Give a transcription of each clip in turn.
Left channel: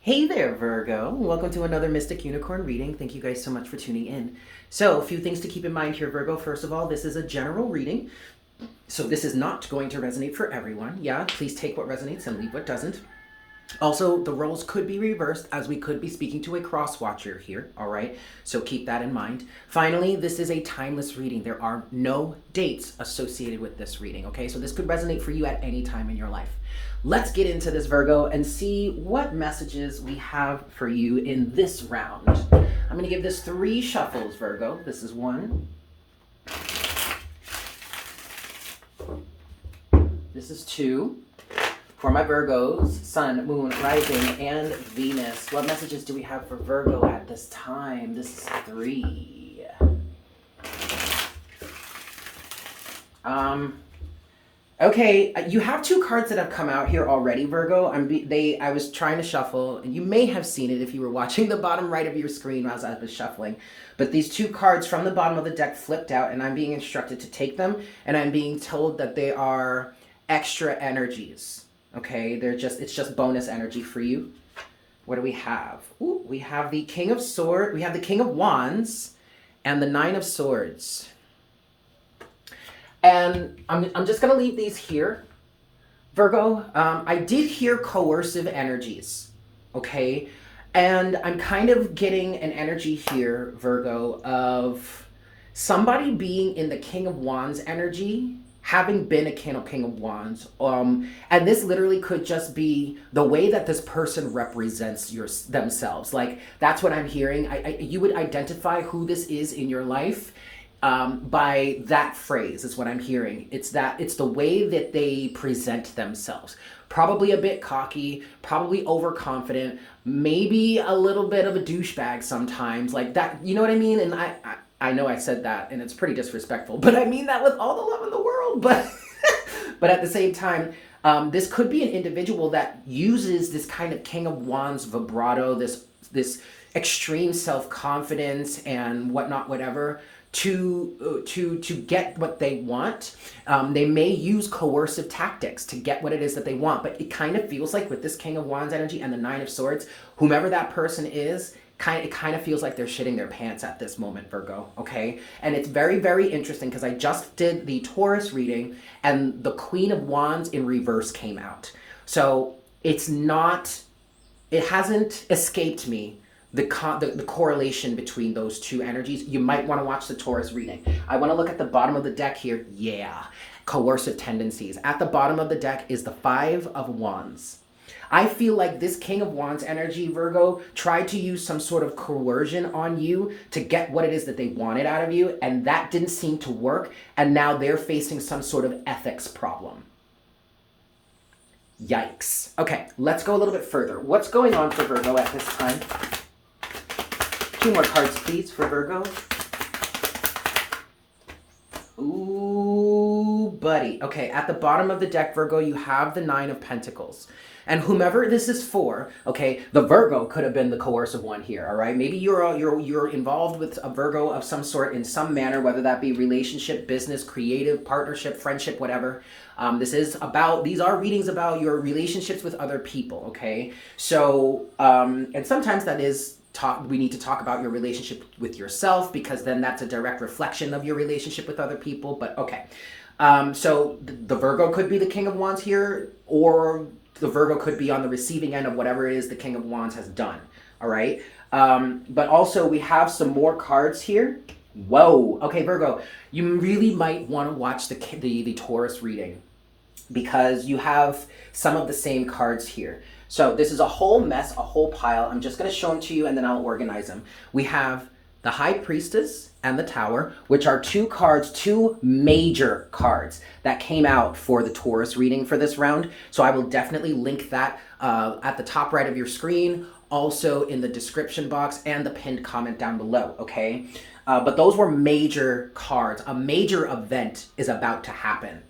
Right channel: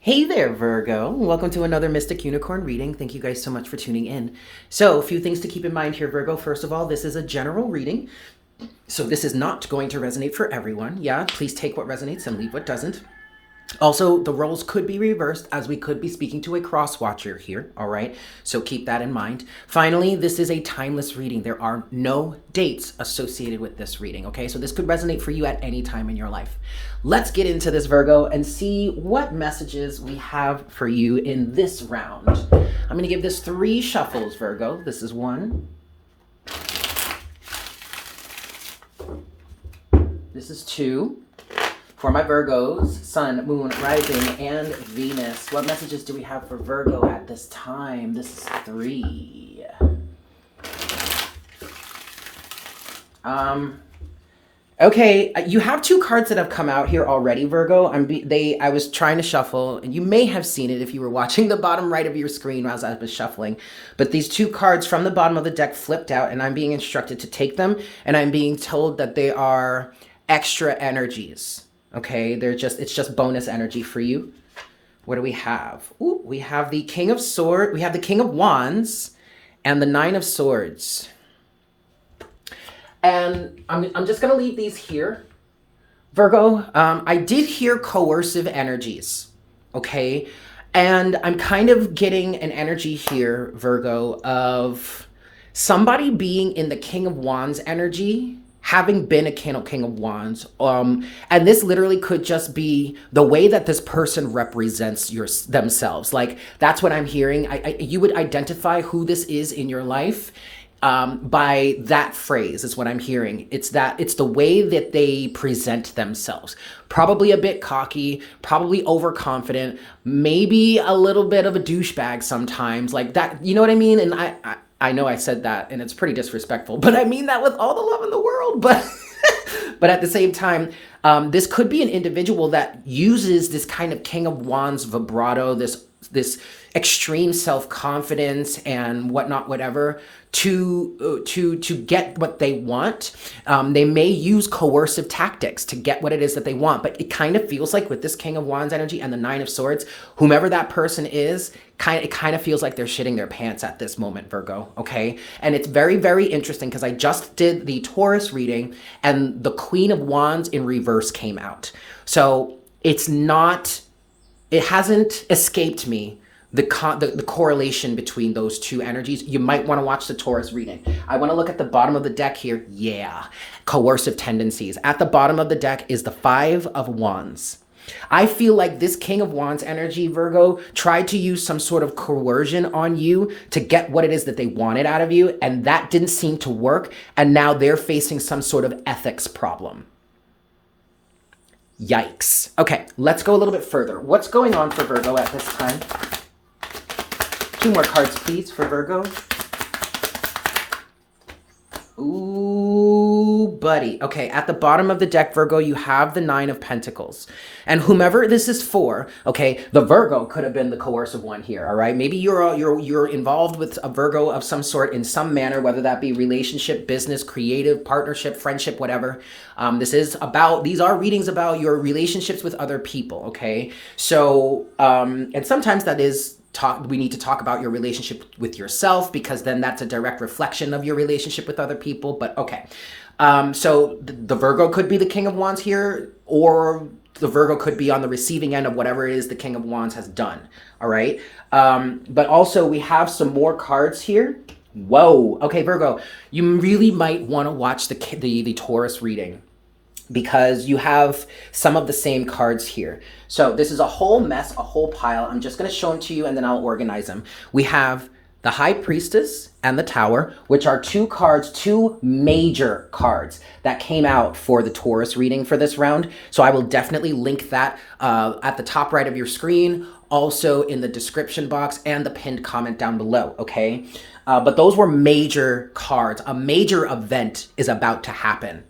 Hey there, Virgo. Welcome to another Mystic Unicorn reading. Thank you guys so much for tuning in. So, a few things to keep in mind here, Virgo. First of all, this is a general reading. So, this is not going to resonate for everyone. Yeah, please take what resonates and leave what doesn't. Also, the roles could be reversed as we could be speaking to a cross watcher here, all right? So keep that in mind. Finally, this is a timeless reading. There are no dates associated with this reading, okay? So this could resonate for you at any time in your life. Let's get into this, Virgo, and see what messages we have for you in this round. I'm going to give this 3 shuffles, Virgo. This is 1. This is 2. For my Virgos, Sun, Moon, Rising, and Venus. What messages do we have for Virgo at this time? This is 3. Okay, you have 2 cards that have come out here already, Virgo. I was trying to shuffle, and you may have seen it if you were watching the bottom right of your screen as I was shuffling. But these 2 cards from the bottom of the deck flipped out, and I'm being instructed to take them, and I'm being told that they are extra energies. Okay, it's just bonus energy for you. What do we have? Ooh, we have the King of Swords, we have the King of Wands, and the Nine of Swords. And I'm just gonna leave these here, Virgo. I did hear coercive energies, okay? And I'm kind of getting an energy here, Virgo, of somebody being in the King of Wands energy, having been a King of Wands, and this literally could just be the way that this person represents themselves. Like, that's what I'm hearing. You would identify who this is in your life by that phrase is what I'm hearing. It's the way that they present themselves. Probably a bit cocky, probably overconfident, maybe a little bit of a douchebag sometimes, like that. You know what I mean? And I know I said that and it's pretty disrespectful, but I mean that with all the love in the world. But but at the same time, this could be an individual that uses this kind of King of Wands vibrato, this extreme self-confidence and whatnot, whatever, to get what they want. They may use coercive tactics to get what it is that they want, but it kind of feels like with this King of Wands energy and the Nine of Swords, whomever that person is, it kind of feels like they're shitting their pants at this moment, Virgo, okay? And it's very, very interesting because I just did the Taurus reading and the Queen of Wands in reverse came out. So it hasn't escaped me the correlation between those 2 energies. You might want to watch the Taurus reading. I want to look at the bottom of the deck here. Yeah, coercive tendencies. At the bottom of the deck is the 5 of Wands. I feel like this King of Wands energy, Virgo, tried to use some sort of coercion on you to get what it is that they wanted out of you, and that didn't seem to work, and now they're facing some sort of ethics problem. Yikes. Okay, let's go a little bit further. What's going on for Virgo at this time? 2 more cards, please, for Virgo. Ooh, buddy. Okay, at the bottom of the deck, Virgo, you have the 9 of Pentacles. And whomever this is for, okay, the Virgo could have been the coercive one here, all right? Maybe you're involved with a Virgo of some sort in some manner, whether that be relationship, business, creative, partnership, friendship, whatever. These are readings about your relationships with other people, okay? So, and sometimes that is we need to talk about your relationship with yourself, because then that's a direct reflection of your relationship with other people. But okay. So the Virgo could be the King of Wands here, or the Virgo could be on the receiving end of whatever it is the King of Wands has done. All right. But also we have some more cards here. Whoa. Okay, Virgo, you really might want to watch the Taurus reading, because you have some of the same cards here. So this is a whole mess, a whole pile. I'm just going to show them to you and then I'll organize them. We have the High Priestess and the Tower, which are 2 major cards that came out for the Taurus reading for this round. So I will definitely link that at the top right of your screen, also in the description box and the pinned comment down below, okay? But those were major cards. A major event is about to happen.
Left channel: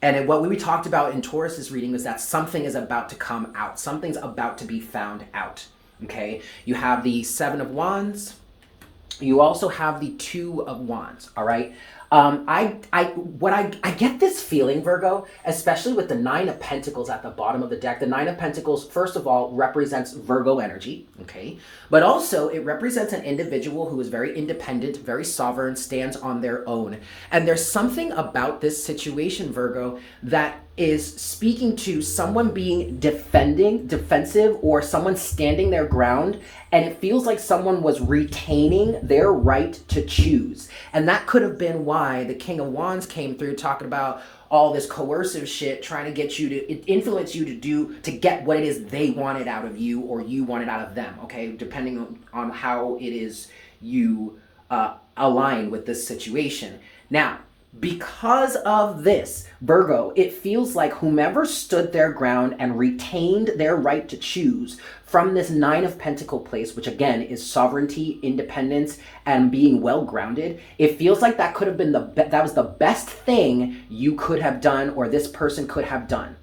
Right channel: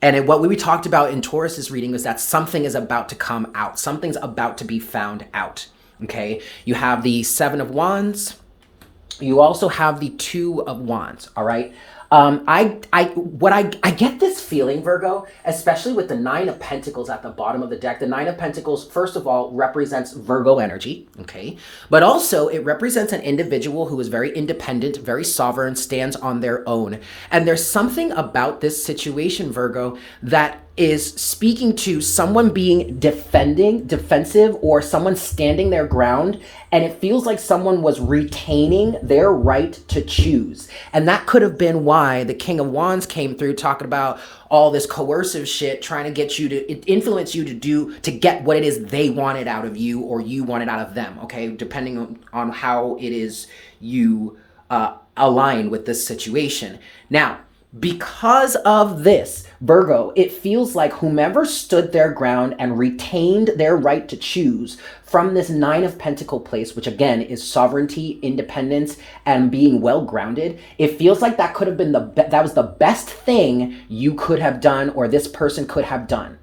And what we talked about in Taurus's reading was that something is about to come out. Something's about to be found out, okay? You have the 7 of Wands. You also have the 2 of Wands, all right? I get this feeling, Virgo, especially with the Nine of Pentacles at the bottom of the deck. The Nine of Pentacles, first of all, represents Virgo energy, okay? But also it represents an individual who is very independent, very sovereign, stands on their own. And there's something about this situation, Virgo, that is speaking to someone being defensive, or someone standing their ground, and it feels like someone was retaining their right to choose. And that could have been why the King of Wands came through talking about all this coercive shit, trying to get you to influence you to get what it is they wanted out of you, or you wanted out of them, okay? Depending on how it is you align with this situation. Now, because of this, Virgo, it feels like whomever stood their ground and retained their right to choose from this Nine of Pentacle place, which again is sovereignty, independence, and being well grounded, it feels like that could have been that was the best thing you could have done, or this person could have done.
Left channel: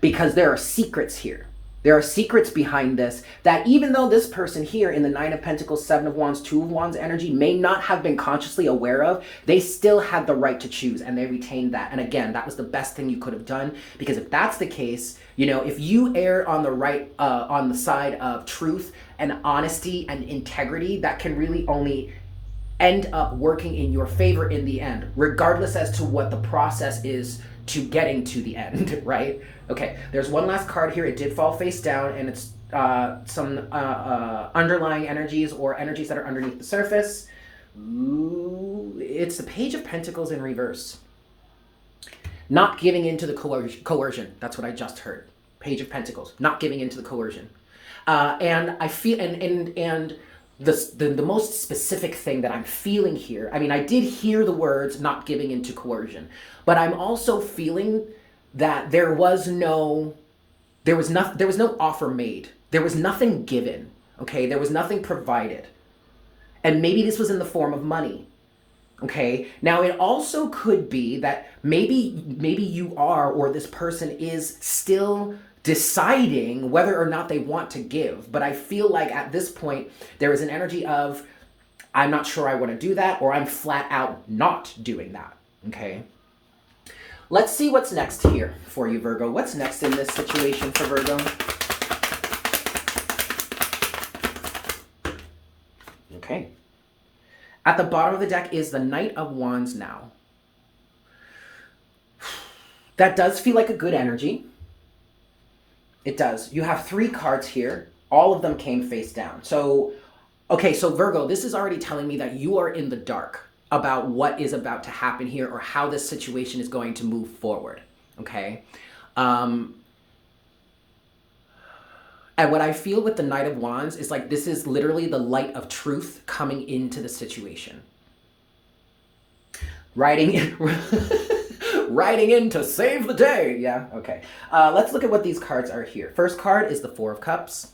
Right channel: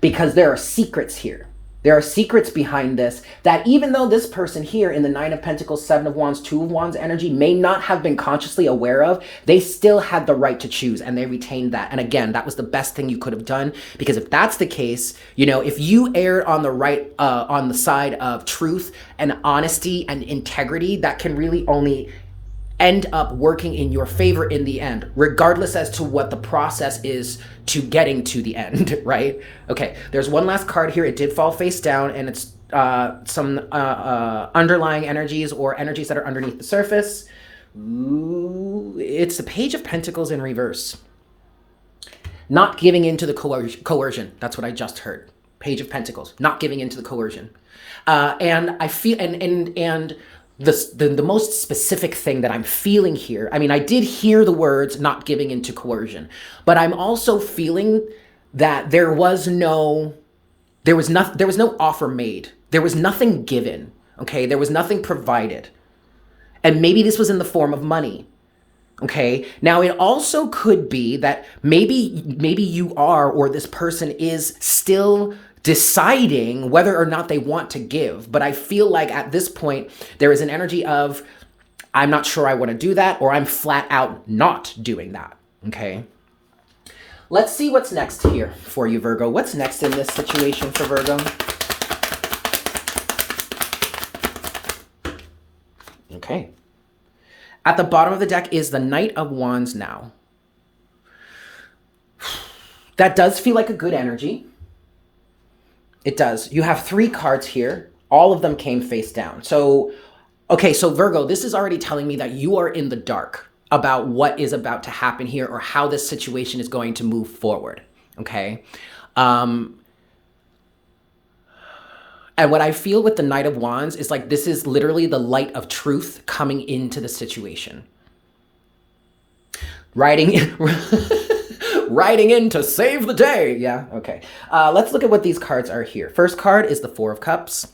Because there are secrets here. There are secrets behind this, that even though this person here in the Nine of Pentacles, Seven of Wands, Two of Wands energy may not have been consciously aware of, they still had the right to choose, and they retained that. And again, that was the best thing you could have done, because if that's the case, you know, if you erred on the right, on the side of truth and honesty and integrity, that can really only end up working in your favor in the end, regardless as to what the process is to getting to the end, right? Okay, there's one last card here. It did fall face down, and it's some underlying energies, or energies that are underneath the surface. Ooh, it's the Page of Pentacles in reverse. Not giving into the coercion. That's what I just heard. Page of Pentacles. Not giving into the coercion. And I feel, and the most specific thing that I'm feeling here, I mean, I did hear the words not giving into coercion, but I'm also feeling that there was no offer made. There was nothing given, okay? There was nothing provided. And maybe this was in the form of money, okay? Now, it also could be that maybe you are, or this person is still deciding whether or not they want to give. But I feel like at this point, there is an energy of, I'm not sure I want to do that, or I'm flat out not doing that, okay? Let's see what's next here for you, Virgo. What's next in this situation for Virgo? Okay. At the bottom of the deck is the Knight of Wands now. That does feel like a good energy. It does. You have 3 cards here. All of them came face down. So, okay, so Virgo, this is already telling me that you are in the dark about what is about to happen here, or how this situation is going to move forward, okay? And what I feel with the Knight of Wands is like this is literally the light of truth coming into the situation. Riding in to save the day. Yeah, okay. Let's look at what these cards are here. First card is the Four of Cups.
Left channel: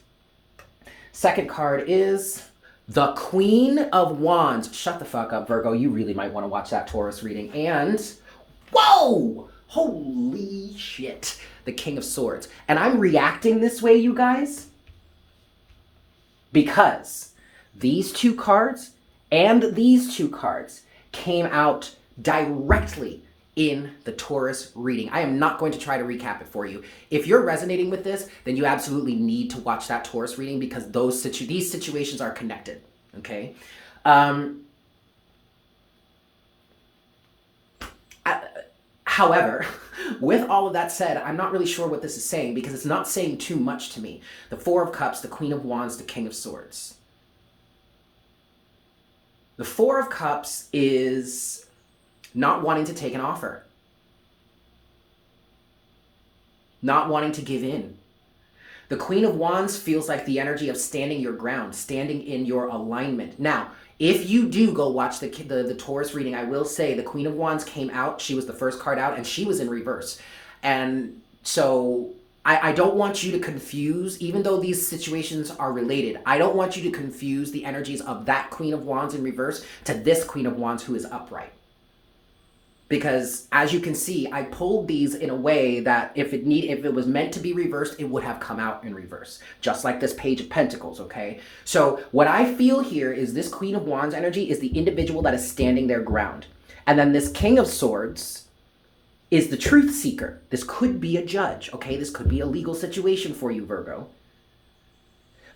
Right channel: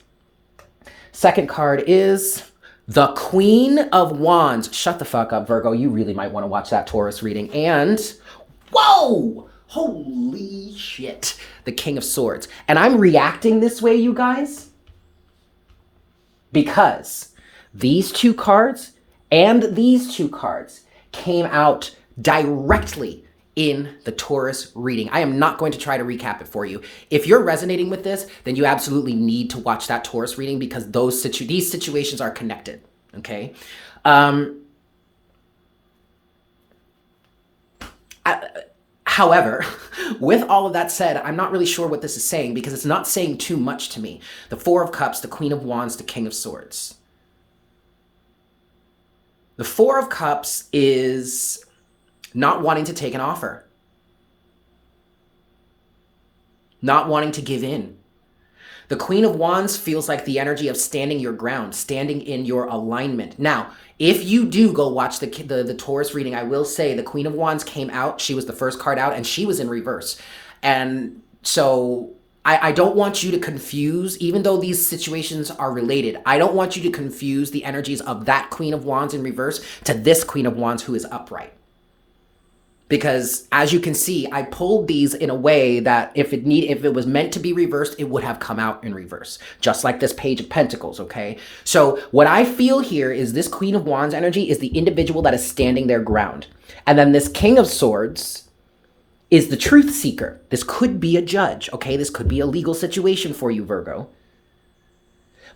Second card is the Queen of Wands. Shut the fuck up, Virgo. You really might want to watch that Taurus reading. And, whoa! Holy shit. The King of Swords. And I'm reacting this way, you guys, because these 2 cards and these 2 cards came out directly in the Taurus reading. I am not going to try to recap it for you. If you're resonating with this, then you absolutely need to watch that Taurus reading, because these situations are connected, okay? However, with all of that said, I'm not really sure what this is saying, because it's not saying too much to me. The Four of Cups, the Queen of Wands, the King of Swords. The Four of Cups is not wanting to take an offer. Not wanting to give in. The Queen of Wands feels like the energy of standing your ground, standing in your alignment. Now, if you do go watch the Taurus reading, I will say the Queen of Wands came out. She was the first card out, and she was in reverse. And so I don't want you to confuse, even though these situations are related, I don't want you to confuse the energies of that Queen of Wands in reverse to this Queen of Wands who is upright. because as you can see, I pulled these in a way that if it was meant to be reversed, it would have come out in reverse, just like this Page of Pentacles, okay? So what I feel here is this Queen of Wands energy is the individual that is standing their ground. And then this King of Swords is the truth seeker. This could be a judge, okay? This could be a legal situation for you, Virgo.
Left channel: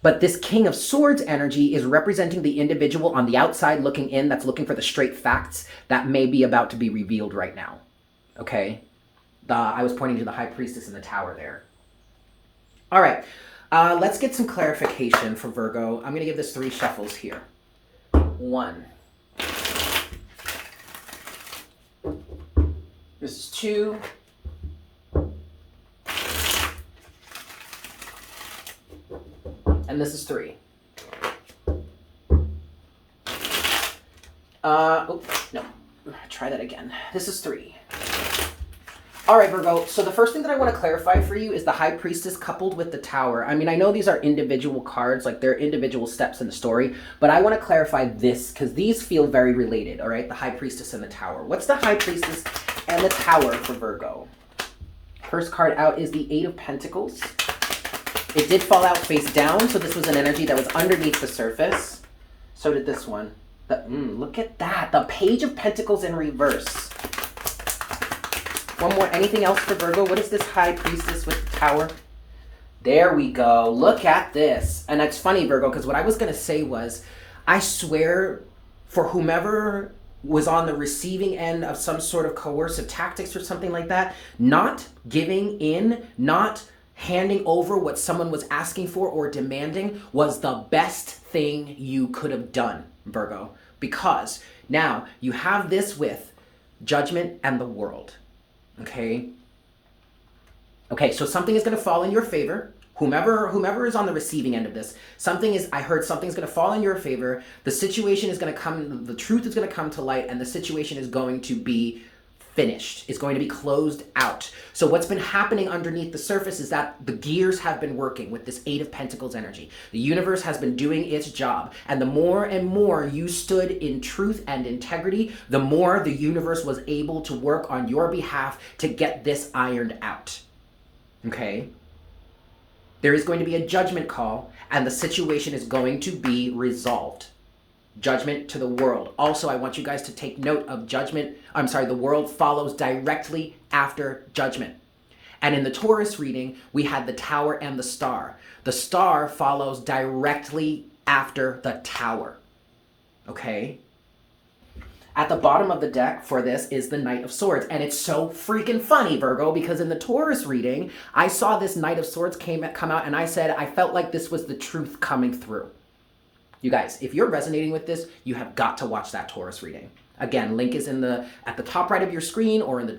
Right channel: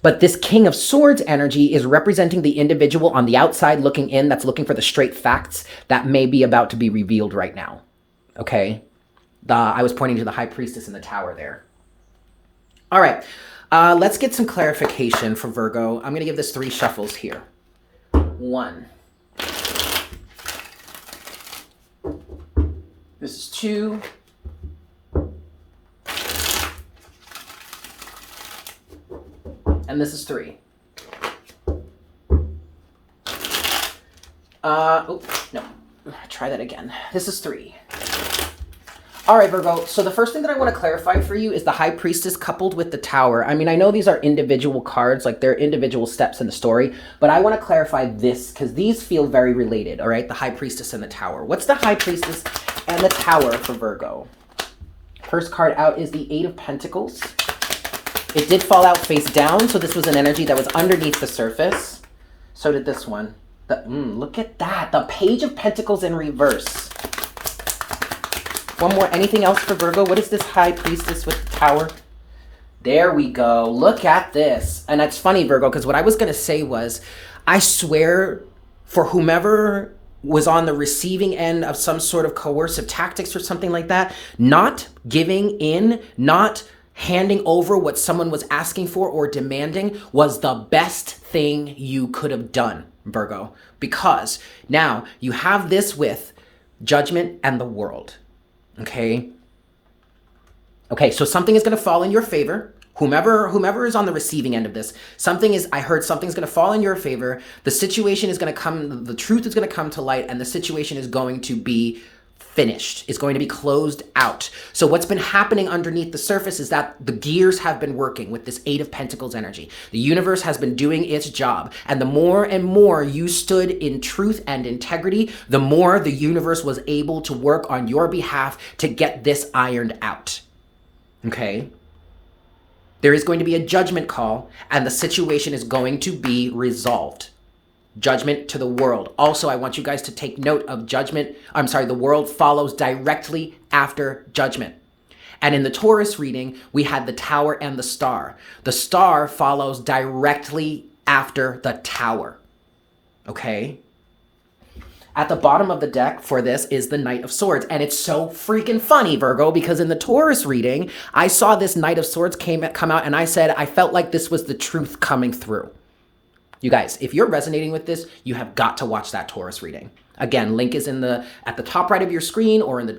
But this King of Swords energy is representing the individual on the outside looking in that's looking for the straight facts that may be about to be revealed right now, okay? I was pointing to the High Priestess in the Tower there. All right, let's get some clarification for Virgo. I'm going to give this 3 shuffles here. 1. This is 2. And this is 3. Oh, no. Try that again. This is 3. All right, Virgo. So the first thing that I want to clarify for you is the High Priestess coupled with the Tower. I mean, I know these are individual cards, like they're individual steps in the story, but I want to clarify this because these feel very related, all right? The High Priestess and the Tower. What's the High Priestess and the Tower for Virgo? First card out is the 8 of Pentacles. It did fall out face down, so this was an energy that was underneath the surface. So did this one. Look at that. The Page of Pentacles in reverse. One more. Anything else for Virgo? What is this High Priestess with the Tower? There we go. Look at this. And that's funny, Virgo, because what I was going to say was, I swear for whomever was on the receiving end of some sort of coercive tactics or something like that, not giving in, not handing over what someone was asking for or demanding was the best thing you could have done, Virgo. Because now you have this with Judgment and the World. Okay? Okay, so something is going to fall in your favor. Whomever is on the receiving end of this, I heard something's going to fall in your favor. The situation is going to come, the truth is going to come to light, and the situation is going to be finished. It's going to be closed out. So what's been happening underneath the surface is that the gears have been working with this 8 of Pentacles energy. The universe has been doing its job. And the more and more you stood in truth and integrity, the more the universe was able to work on your behalf to get this ironed out. Okay? There is going to be a judgment call, and the situation is going to be resolved. Judgment to the World. Also, I want you guys to take note of the World follows directly after Judgment. And in the Taurus reading, we had the Tower and the Star. The Star follows directly after the Tower. Okay? At the bottom of the deck for this is the Knight of Swords. And it's so freaking funny, Virgo, because in the Taurus reading, I saw this Knight of Swords come out, and I said I felt like this was the truth coming through. You guys, if you're resonating with this, you have got to watch that Taurus reading. Again, link is at the top right of your screen, or in the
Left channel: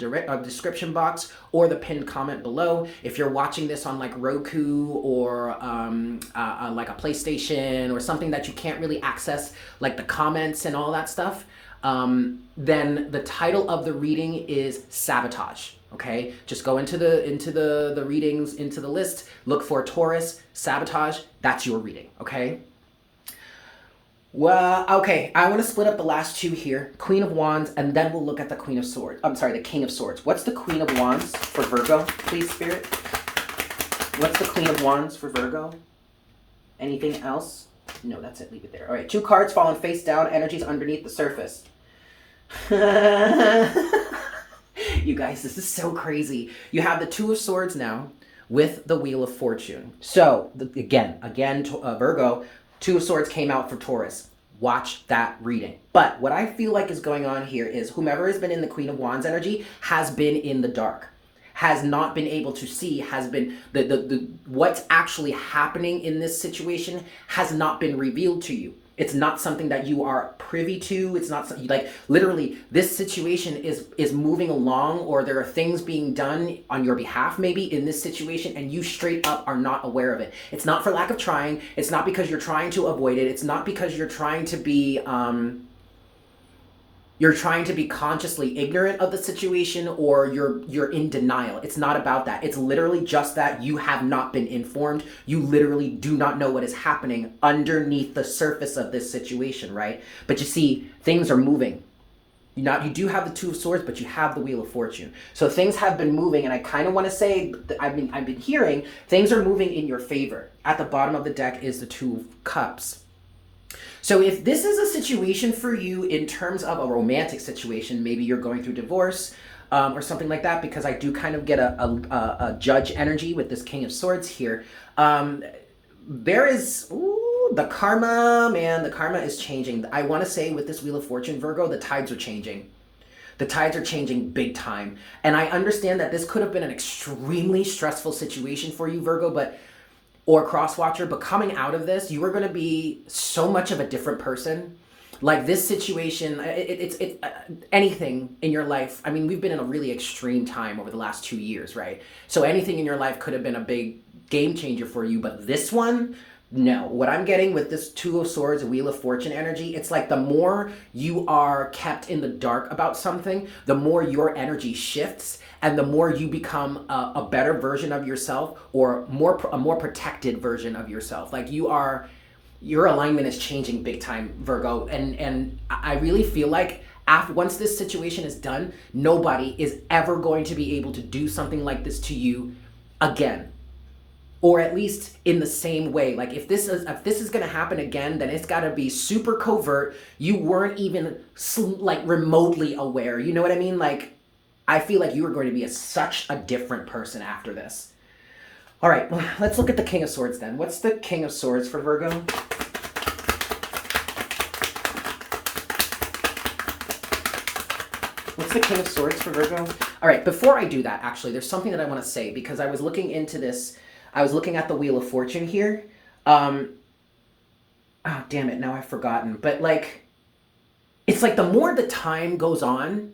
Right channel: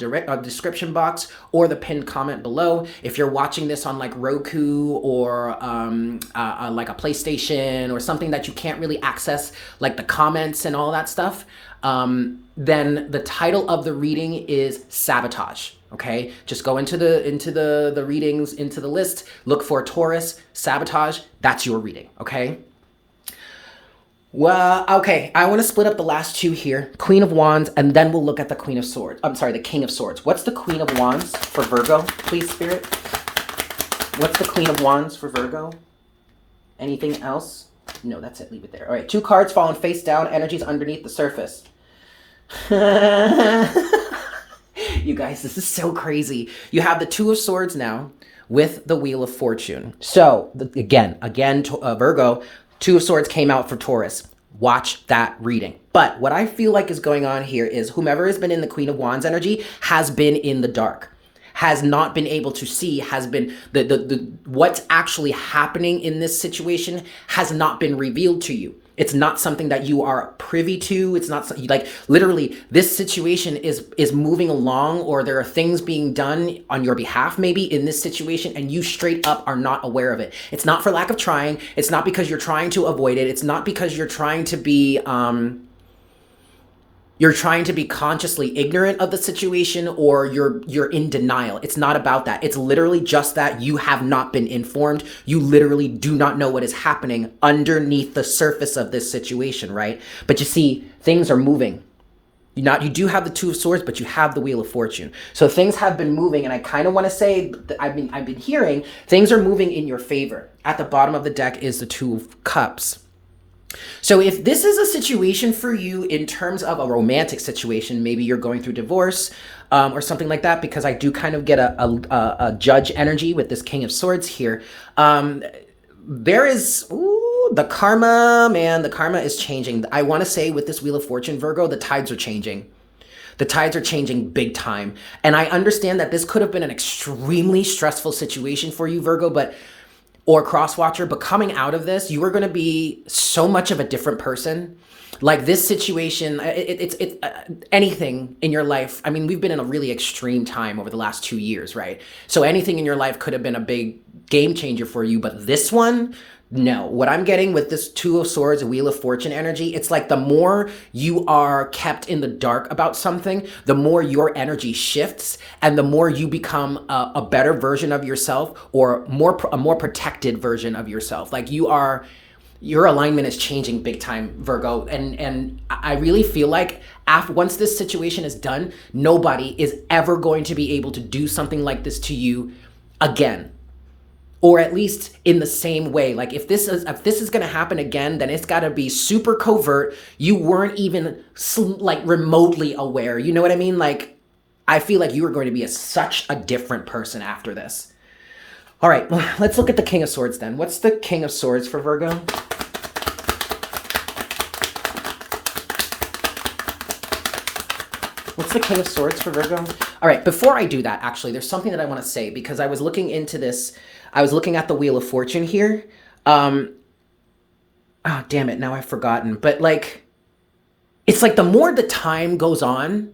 description box, or the pinned comment below. If you're watching this on like Roku or like a PlayStation or something that you can't really access, like the comments and all that stuff, then the title of the reading is Sabotage. Okay, just go into the readings, into the list, look for Taurus, Sabotage. That's your reading. Okay. Well, okay, I want to split up the last 2 here, Queen of Wands, and then we'll look at the Queen of Swords. I'm sorry, the King of Swords. What's the Queen of Wands for Virgo, please, Spirit? What's the Queen of Wands for Virgo? Anything else? No, that's it. Leave it there. All right, 2 cards falling face down, energies underneath the surface. You guys, this is so crazy. You have the 2 of Swords now with the Wheel of Fortune. So, again, Virgo, 2 of Swords came out for Taurus. Watch that reading. But what I feel like is going on here is whomever has been in the Queen of Wands energy has been in the dark, has not been able to see, has been what's actually happening in this situation has not been revealed to you. It's not something that you are privy to. It's not like literally this situation is moving along, or there are things being done on your behalf maybe in this situation, and you straight up are not aware of it. It's not for lack of trying. It's not because you're trying to avoid it. It's not because you're trying to be consciously ignorant of the situation, or you're in denial. It's not about that. It's literally just that you have not been informed. You literally do not know what is happening underneath the surface of this situation, right? But you see, things are moving. You do have the Two of Swords, but you have the Wheel of Fortune. So things have been moving, and I kind of want to say that I've been hearing things are moving in your favor. At the bottom of the deck is the Two of Cups. So if this is a situation for you in terms of a romantic situation, maybe you're going through divorce or something like that, because I do kind of get a judge energy with this King of Swords here. There is the karma, man. The karma is changing. I want to say with this Wheel of Fortune, Virgo, the tides are changing. The tides are changing big time. And I understand that this could have been an extremely stressful situation for you, Virgo, or crosswatcher, but coming out of this, you are going to be so much of a different person. Like this situation, it's anything in your life. I mean, we've been in a really extreme time over the last 2 years, right? So anything in your life could have been a big game changer for you, but this one, no. What I'm getting with this Two of Swords, Wheel of Fortune energy, it's like the more you are kept in the dark about something, the more your energy shifts and the more you become a better version of yourself, or a more protected version of yourself. Like your alignment is changing big time, Virgo. And I really feel like once this situation is done, nobody is ever going to be able to do something like this to you again. Or at least in the same way. Like if this is going to happen again, then it's got to be super covert. You weren't even like remotely aware. You know what I mean? Like I feel like you are going to be such a different person after this. All right, let's look at the King of Swords then. What's the King of Swords for Virgo? What's the King of Swords for Virgo? All right, before I do that, actually, there's something that I want to say, because I was looking into this. I was looking at the Wheel of Fortune here. Oh, damn it, now I've forgotten. But like, it's like the more the time goes on,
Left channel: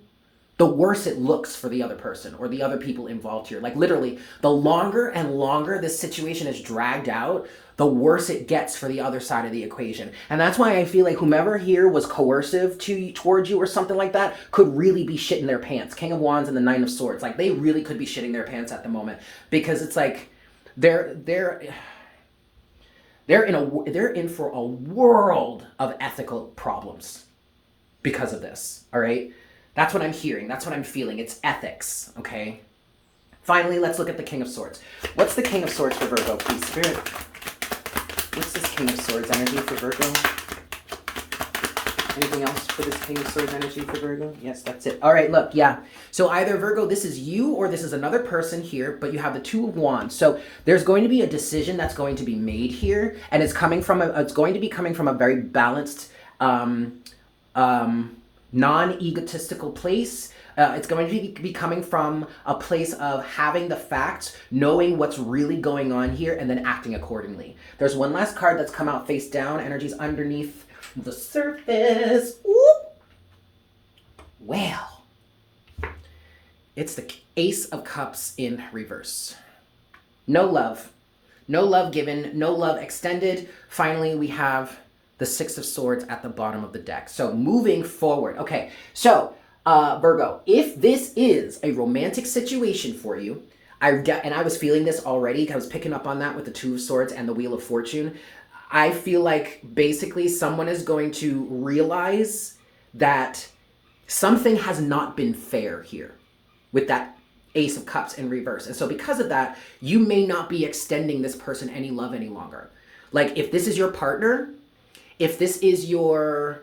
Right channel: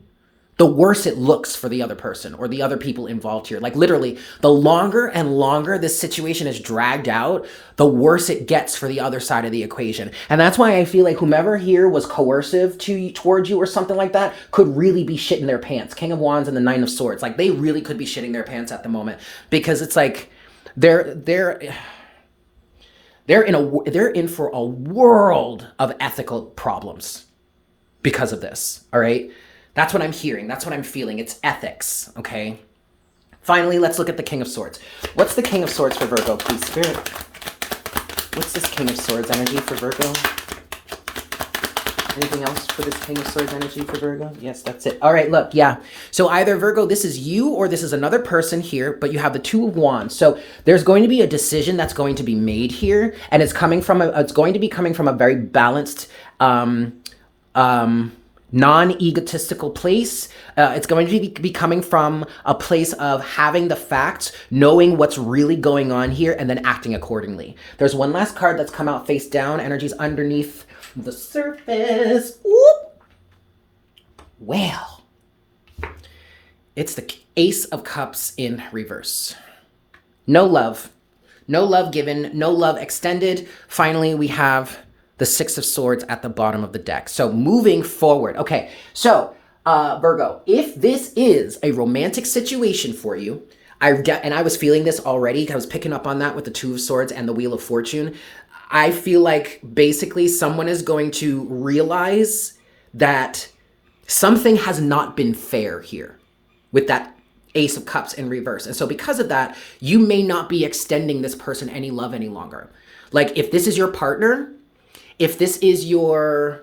the worse it looks for the other person or the other people involved here. Like literally, the longer and longer this situation is dragged out, the worse it gets for the other side of the equation. And that's why I feel like whomever here was coercive towards you or something like that could really be shitting their pants. King of Wands and the Nine of Swords. Like they really could be shitting their pants at the moment, because it's like they're in for a world of ethical problems because of this. All right. That's what I'm hearing. That's what I'm feeling. It's ethics, okay? Finally, let's look at the King of Swords. What's the King of Swords for Virgo, please, Spirit? What's this King of Swords energy for Virgo? Anything else for this King of Swords energy for Virgo? Yes, that's it. All right, look, yeah. So either, Virgo, this is you or this is another person here, but you have the Two of Wands. So there's going to be a decision that's going to be made here, and it's going to be coming from a very balanced, non-egotistical place. It's going to be coming from a place of having the facts, knowing what's really going on here, and then acting accordingly. There's one last card that's come out face down. Energy's underneath the surface. Whoop. Well, it's the Ace of Cups in reverse. No love. No love given. No love extended. Finally, we have the Six of Swords at the bottom of the deck. So moving forward. Okay, so Virgo, if this is a romantic situation for you, and I was feeling this already, I was picking up on that with the Two of Swords and the Wheel of Fortune. I feel like basically someone is going to realize that something has not been fair here with that Ace of Cups in reverse. And so because of that, you may not be extending this person any love any longer. Like if this is your partner, if this is your,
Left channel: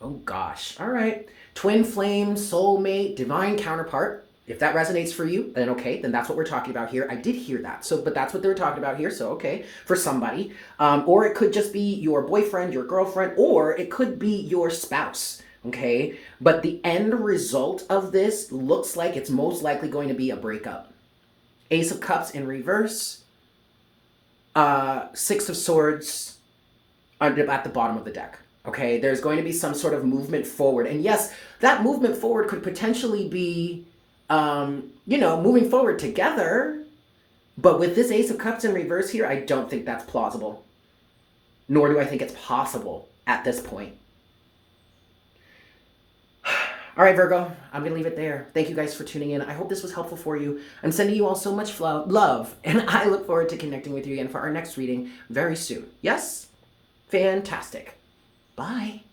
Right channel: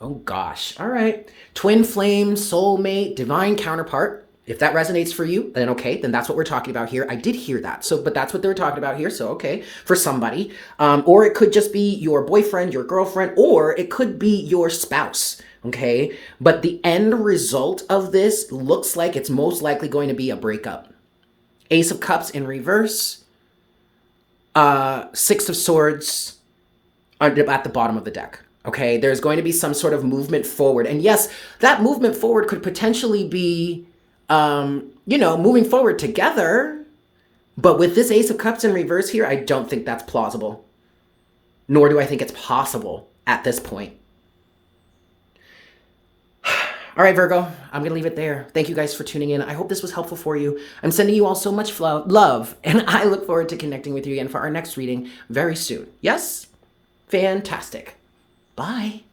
oh gosh, all right, twin flame, soulmate, divine counterpart, if that resonates for you, then okay, then that's what we're talking about here. I did hear that, but that's what they're talking about here, so okay, for somebody. Or it could just be your boyfriend, your girlfriend, or it could be your spouse, okay? But the end result of this looks like it's most likely going to be a breakup. Ace of Cups in reverse, Six of Swords, at the bottom of the deck, okay? There's going to be some sort of movement forward. And yes, that movement forward could potentially be, moving forward together. But with this Ace of Cups in reverse here, I don't think that's plausible. Nor do I think it's possible at this point. All right, Virgo, I'm going to leave it there. Thank you guys for tuning in. I hope this was helpful for you. I'm sending you all so much love, and I look forward to connecting with you again for our next reading very soon. Yes? Fantastic. Bye.